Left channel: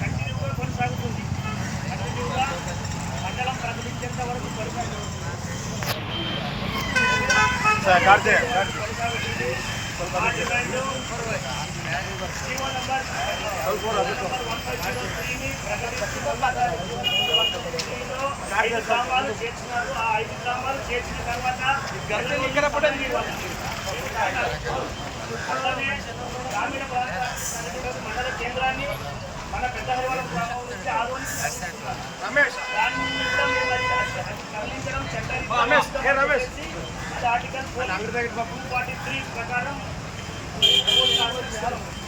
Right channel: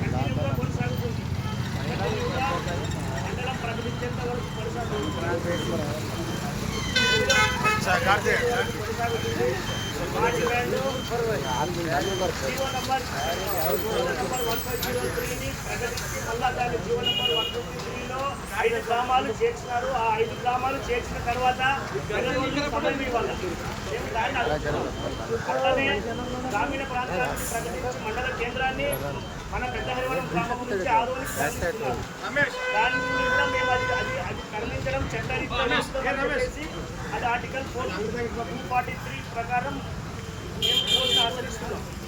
కంటిన్యూగా కొనసాగుతుంది. మండలం ప్రకటించేంత వరకు కొనసాగుతుంది. మా డిమాండ్ జీవో నంబర్ 1503ని ప్రకటించి మళ్ళా జీవో నంబర్ 153లో 5 గ్రామాలు చేర్చినారు. ఆ 5 గ్రామాలు చేర్చిన తర్వాత అలానే గ్రామీణ ప్రాంతానికి ప్రకటించి మండల కేంద్రాన్ని మన పెద్ద హరివరం గ్రామం నుంచి ఆదోనికి తరలిస్తున్నారు. దాన్ని కూడా మేము అది తరలించడం చట్టరీత్యా అది ఆర్టికల్ 243 ప్రకారం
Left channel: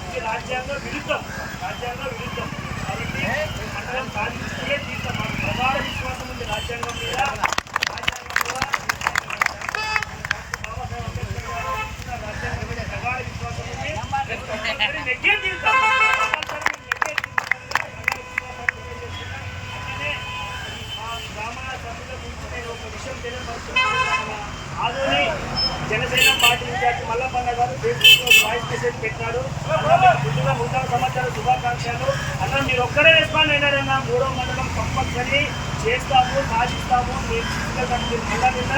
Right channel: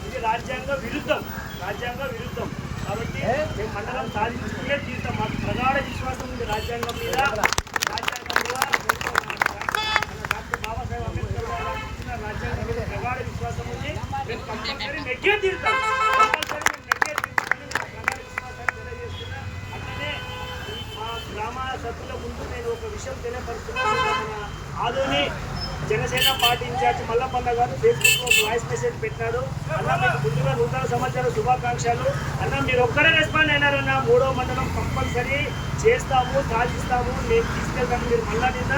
ఇది రాజ్యాంగ విరుద్ధం. కాబట్టి మేము మండలం సాధించుకునే తీర్థం. మాకు ప్రగాఢ విశ్వాసం ఉంది రాజ్యాంగం మీద. డాక్టర్ బాబాసాహెబ్ అంబేద్కర్ గారు ఇచ్చిన రాజ్యాంగం మీద ప్రగాఢ విశ్వాసం ఉంది. కంపల్సరీ నెగ్గే తీర్థం. అట్లనే మా గ్రామ సభ్యుల ముందు నేను ఒక విషయం తెలియపరుస్తున్నాను. మన ఆదోని జనసేన పార్టీ ఇన్ఛార్జ్ మల్లపన్న గారు ఫేస్బుక్ లో వాయిస్ మెసేజ్ పెట్టినాడు. అన్న మీకు ముందుగా నూతన సంవత్సర శుభాకాంక్షలు. అన్న మీరు ఒక్కడే రెస్పాండ్ అయినారన్న. 3వ మండలం కంపల్సరీ చేస్తాము, సాధిస్తాము, నేను తీసుకెళ్తాను. మీరు మళ్ళా నిన్న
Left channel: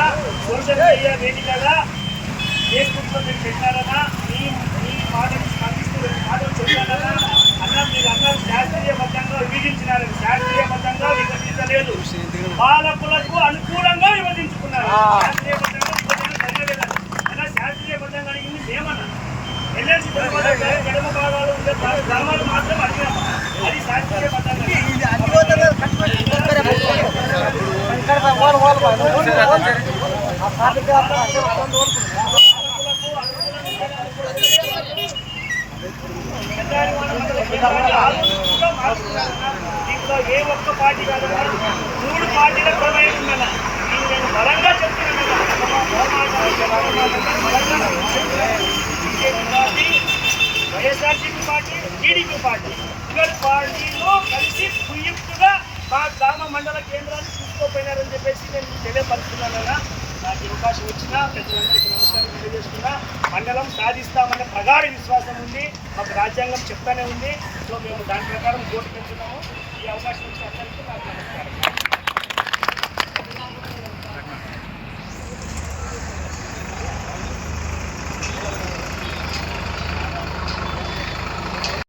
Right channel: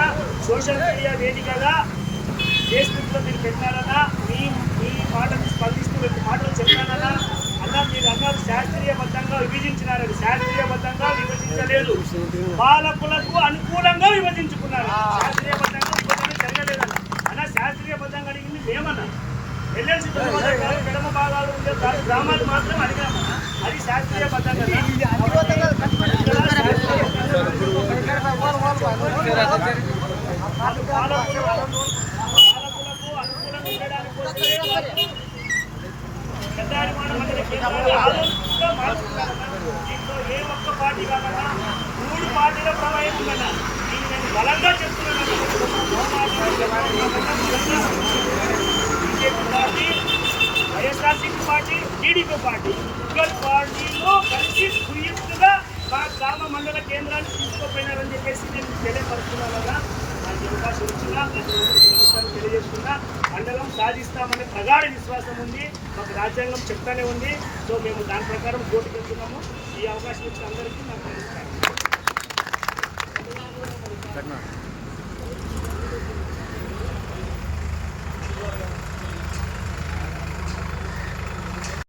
సోషల్ మీడియా వేదికగా ఫేస్బుక్ లో మీరు పెట్టినారన్నా. మీ మాటను స్పందిస్తూ 2 మాటలు చెప్పానన్నా. అన్న మీరు అన్నారు శాస్త్రీయబద్ధంగా విభజించినారని. శాస్త్రీయబద్ధంగా విభజించలేదు, పాలకులకు అనుకూలంగా విభజించుకున్నారు. శాస్త్రీయబద్ధంగా విభజన జరగలేదన్న. అన్న శాస్త్రీయబద్ధంగా అడిగింది మేమన్నా. ఎల్ఎల్సి ఎడమ భాగాలు ఉండే గ్రామాలు మాత్రం అడిగామన్నా. అది శాస్త్రీయబద్ధంగా పెద్దారివాడ మండల కేంద్రాన్ని ఆలోచించుగా మార్చుకున్నారన్నా. దీంట్లో ఏ ఒక్క పార్టీ కాదన్నా, 3 పార్టీల ప్రమేయం ఉందన్నా. దీన్ని నేను బలంగా చెప్తున్నానన్నా. BJP party, YSRCP party, TDP party, ఇద్దరు పార్టీలో కలిసి కుయుక్తుగా మా గ్రామ మండల కేంద్రాన్ని తీసుకోపోయినారని చెప్పేసి నేను తెలియపరుస్తున్నానన్నా. నాకు అవకాశం ఇచ్చిన ప్రజలందరికీ నమస్కారం తెలియజేస్తున్నా. మండలం సాధిస్తామనే ప్రగాఢ విశ్వాసం ఉంది. మాకు రాజ్యాంగం చెప్తానే ఉంది. సో మేము దాని ప్రకారం కోర్టుకు వెళ్తున్నాము. ఈ అవకాశం ఇచ్చిన అందరికీ నాకు నమస్కారం.